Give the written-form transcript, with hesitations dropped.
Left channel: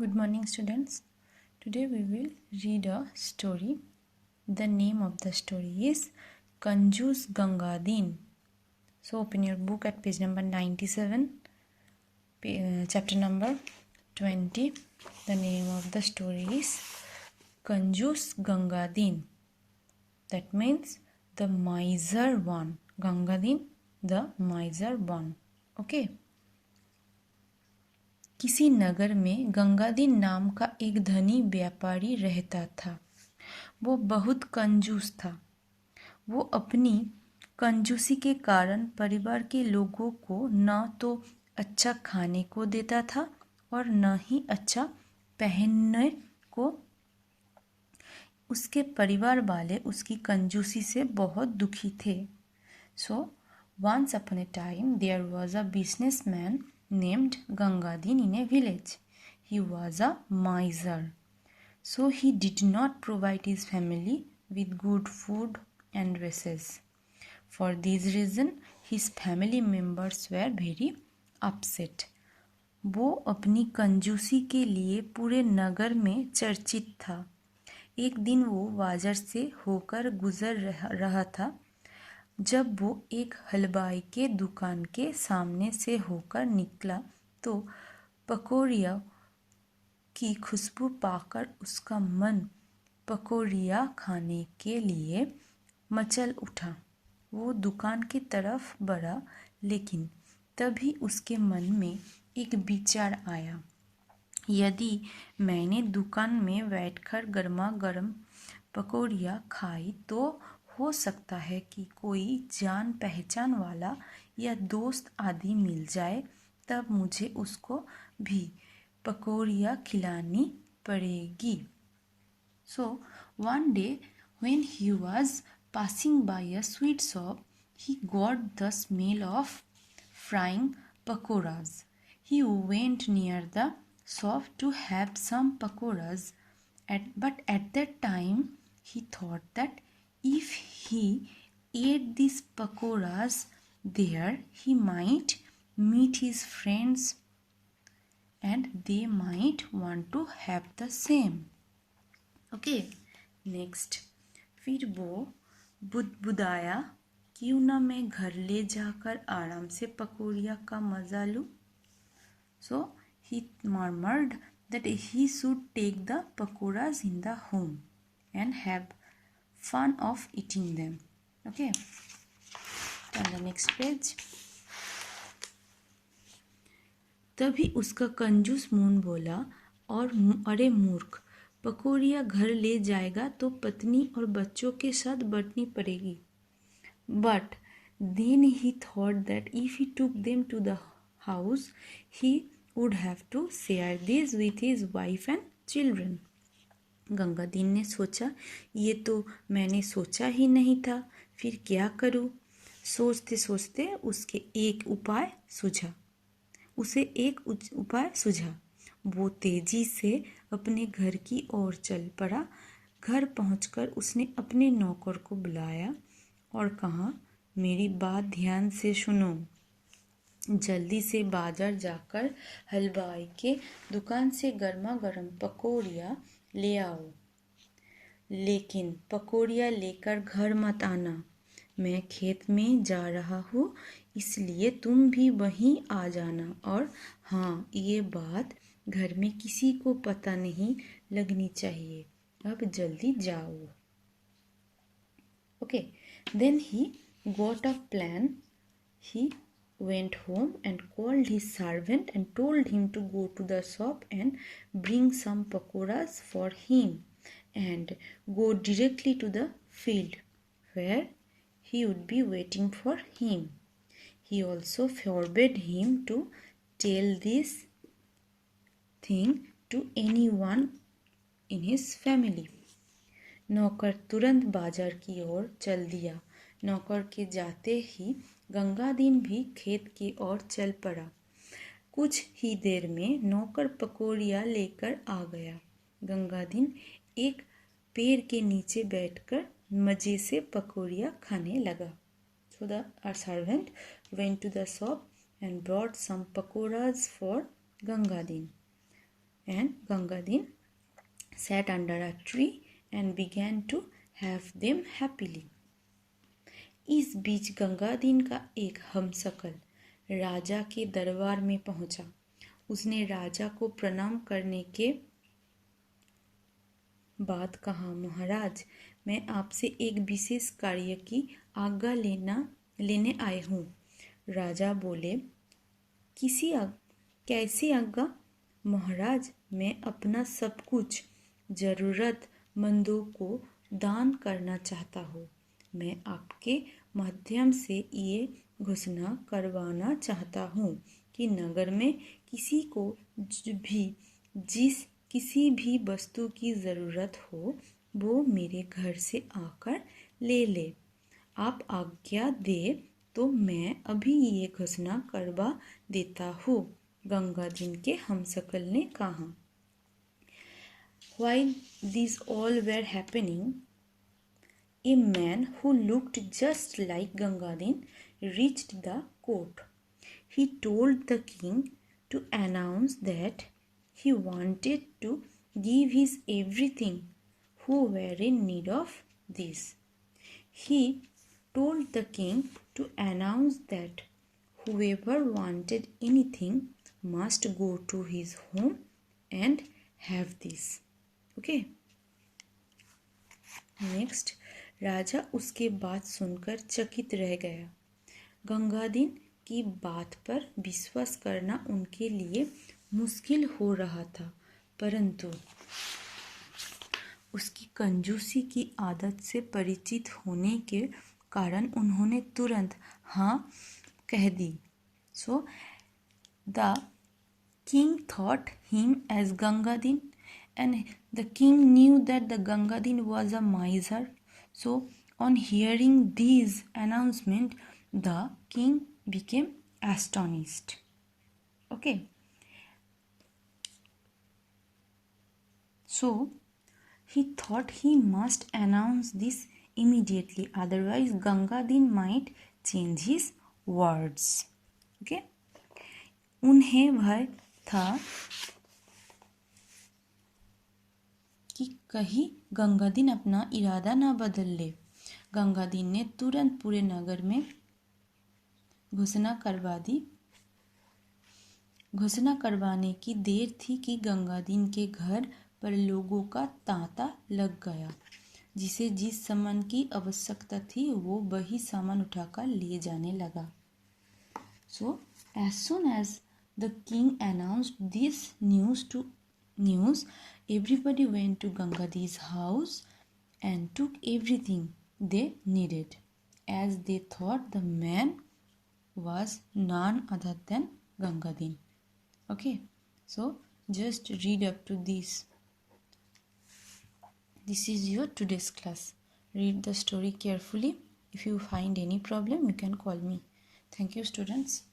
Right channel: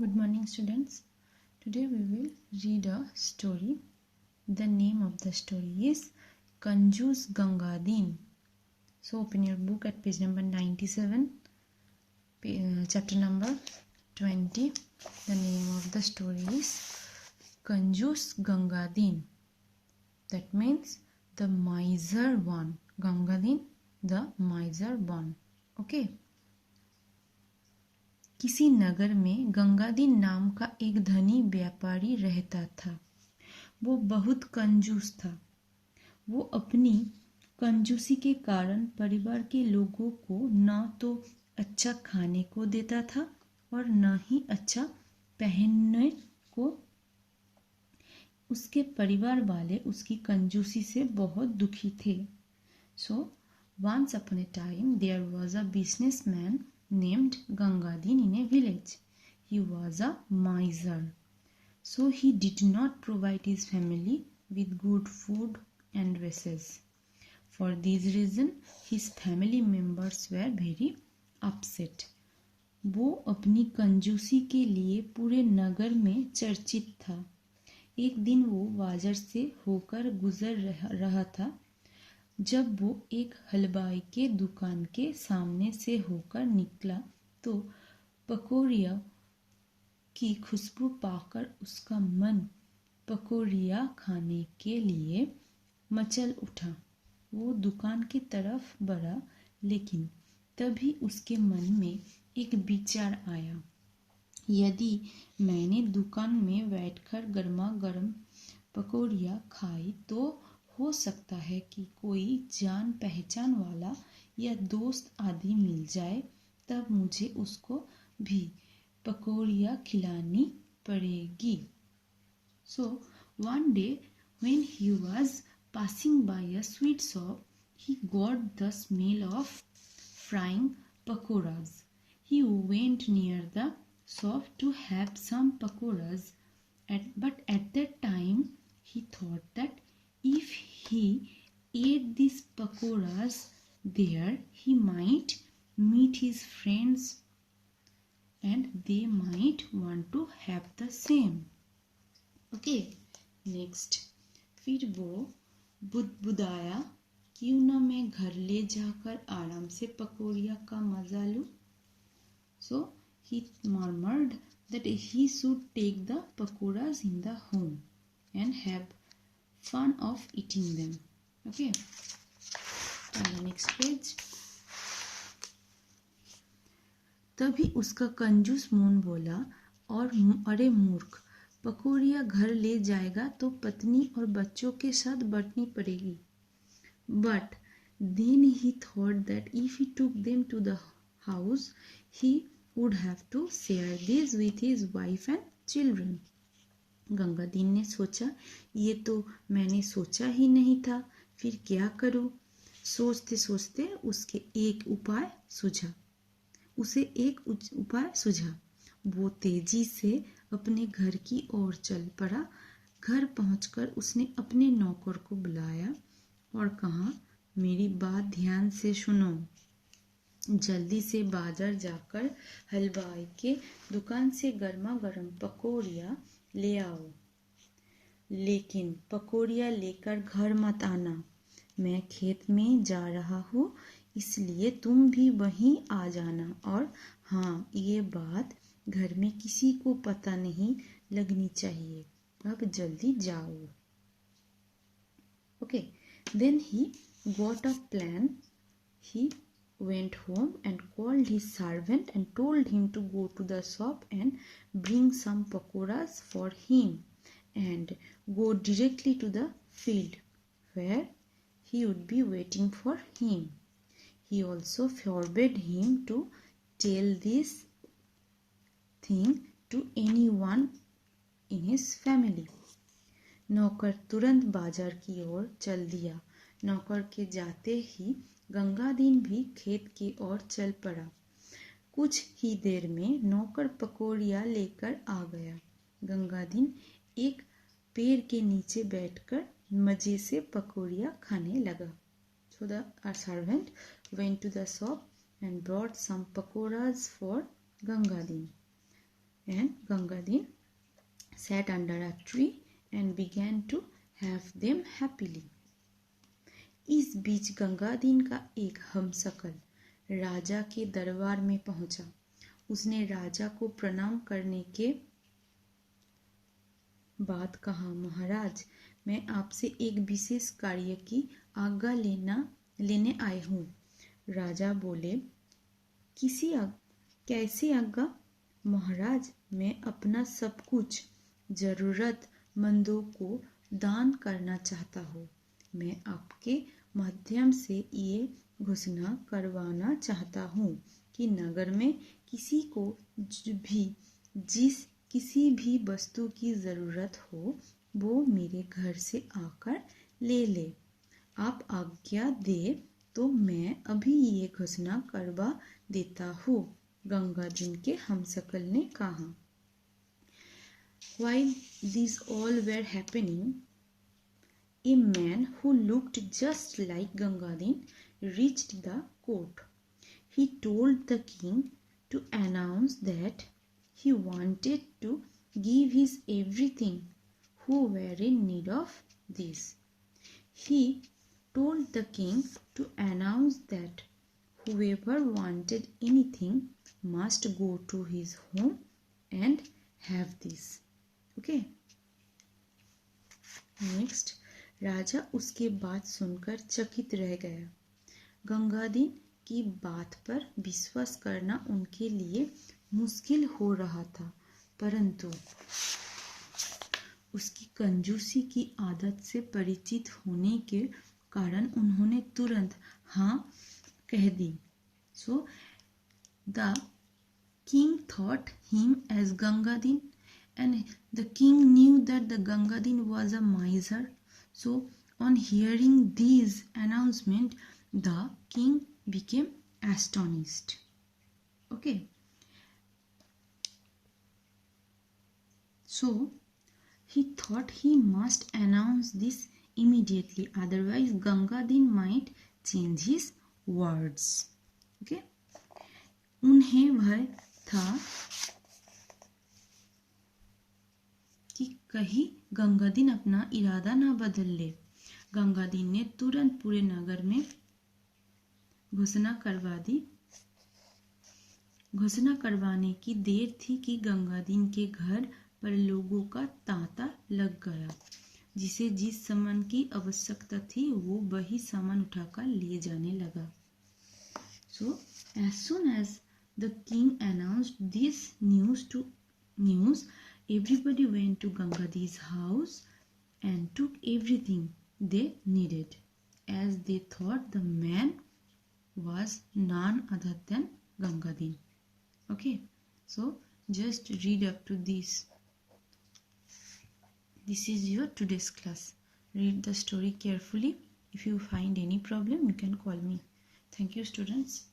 Good morning, students. Today we will read a story. The name of the story is Kanjus Gangadin. So open your book at page number 97, chapter number 20. The name of the story is Kanjus Gangadin. That means the miser one. Gangadin, the miser one. Okay. किसी नगर में गंगादीन नाम का एक धनी व्यापारी रहता था। वो बहुत कंजूस था। वो अपनी कंजूसी के कारण परिवार के लोगों को न तो अच्छा खाने को देता था और न ही अच्छा पहनने को। उसके परिवार वाले उसकी कंजूसी से बहुत दुखी थे। So, once upon a time there was a businessman named Gangadin in a village. He was a miser. So he did not provide his family with good food and dresses. For this reason, his family members were very upset. वो अपनी कंजूसी के लिए पूरे नगर में चर्चित था। एक दिन वो बाजार से होकर गुजर रहा था। जब वो एक हलवाई के दुकान के सामने से होकर निकला तो पकौड़ियों की खुशबू पाकर उसका मन पकौड़ियाँ खाने के लिए मचल उठा। वो दुकान की तरफ बढ़ा, लेकिन तभी उसके मन में एक विचार आया। यदि मैंने दुकान में बैठकर गर्मा गर्म पकौड़ियाँ खाई तो हो सकता है कि कोई जान पहचान वाला या दोस्त आदि मिल जाए, तब मुझे उसको भी पकौड़ियाँ खिलानी पड़ेगी। So one day when he was passing by a sweet shop, he got the smell of frying pakoras. He went near the shop to have some pakoras, but at that time he thought that if he ate these pakoras there, he might meet his friends and they might want to have the same. Okay, next. फिर वो बुदबुदाया, क्यों ना मैं घर ले जाकर आराम से पकौड़ियाँ का मजा लूँ. So he murmured that he should take the pakoras in the home and have fun of eating them. Okay, on the next page. तभी उसका कंजूस मून बोला, और अरे मूर्ख, पकौड़ियाँ घर ले जाएगा तो पत्नी और बच्चों के साथ बंटनी पड़ेगी. But then he thought that if he took them to the house, he would have to share these with his wife and children. Gangadin ने सोचा, ये तो मैंने सोचा ही नहीं था, फिर क्या करूं? सोचते सोचते उसे एक उपाय सूझा. वो तेजी से अपने घर की ओर चल पड़ा. घर पहुंचकर उसने अपने नौकर को बुलाया और कहा, मेरी बात ध्यान से सुनो. जल्दी से बाजार जाकर हलवाई के दुकान से गर्मा गर्म पकौड़ियाँ ले आओ, लेकिन पकौड़ियाँ लेकर घर मत आना. मैं खेत में जा रहा हूँ, इसलिए तुम भी वहीं आ जाना. और हाँ, ये बात घर में किसी को पता नहीं लगनी चाहिए. अब जल्दी जाओ. Okay, then he got a plan. He went home and called his servant and told him to go to the shop and bring some pakoras for him and go directly to the field where he would be waiting for him. He also forbade him to tell this thing to anyone in his family. नौकर तुरंत बाजार की ओर चल दिया. नौकर के जाते ही गंगादीन भी खेत की ओर चल पड़ा. कुछ ही देर में नौकर पकौड़ियाँ लेकर आ गया. गंगादीन एक पेड़ के नीचे बैठकर मजे से पकौड़ियाँ खाने लगा. So the servant went to the shop and brought some pakoras for Gangadin. and Gangadin sat under a tree and began to have them happily. इस बीच गंगादीन का एक हमशक्ल राजा के दरबार में पहुंचा। उसने राजा को प्रणाम करने के बाद कहा, महाराज, मैं आपसे एक विशेष कार्य की आज्ञा लेने आए हूँ। राजा बोले, कैसी आज्ञा? महाराज, मैं अपना सब कुछ जरूरतमंदों को दान करना चाहता हूँ। मैं आपके माध्यम से ये घोषणा करवाना चाहता हूँ कि नगर में किसी को भी किसी भी वस्तु की ज़रूरत हो, वो मेरे घर से आकर ले ले। आप आज्ञा दे तो मैं अभी ये घोषणा करवा देता हूँ, गंगादीन के हमशक्ल ने कहा। While these all were happening, a man who looked just like Gangadin reached the court. He told the king to announce that he wanted to give his everything who were in need of this. He told the king to announce that whoever wanted anything must go to his home and have this. Okay. Next, राजा उसके बात सुनकर चकित रह गया। गंगादीन की बात पर विश्वास करना उनके लिए मुश्किल हो रहा था, परंतु उसकी कंजूसी की आदत से परिचित होने के कारण उन्होंने तुरंत हाँ कह दी। So the king thought him as Gangadin, and the king knew that the Gangadin was a miser. So on hearing these announcement, the king became astonished. Okay. So he thought he must announce this immediately, otherwise Gangadin might change his words. Okay. उन्हें भय था कि कहीं गंगादीन अपना इरादा न बदल ले। गंगादीन ने तुरंत पूरे नगर में घोषणा करवा दी। घोषणा करवाने की देर थी कि गंगादीन के घर पर लोगों का तांता लग गया। जिसे जिस सामान की आवश्यकता थी वो वही सामान उठाकर लिए जाने लगा। So as soon as the king announced this news, everybody went to Gangadin's house and took everything they needed, as they thought the man was none other than Gangadin. Okay, so just read up to this. This is your today's class. Read the story carefully. If you find any problem, you can call me. Thank you, students.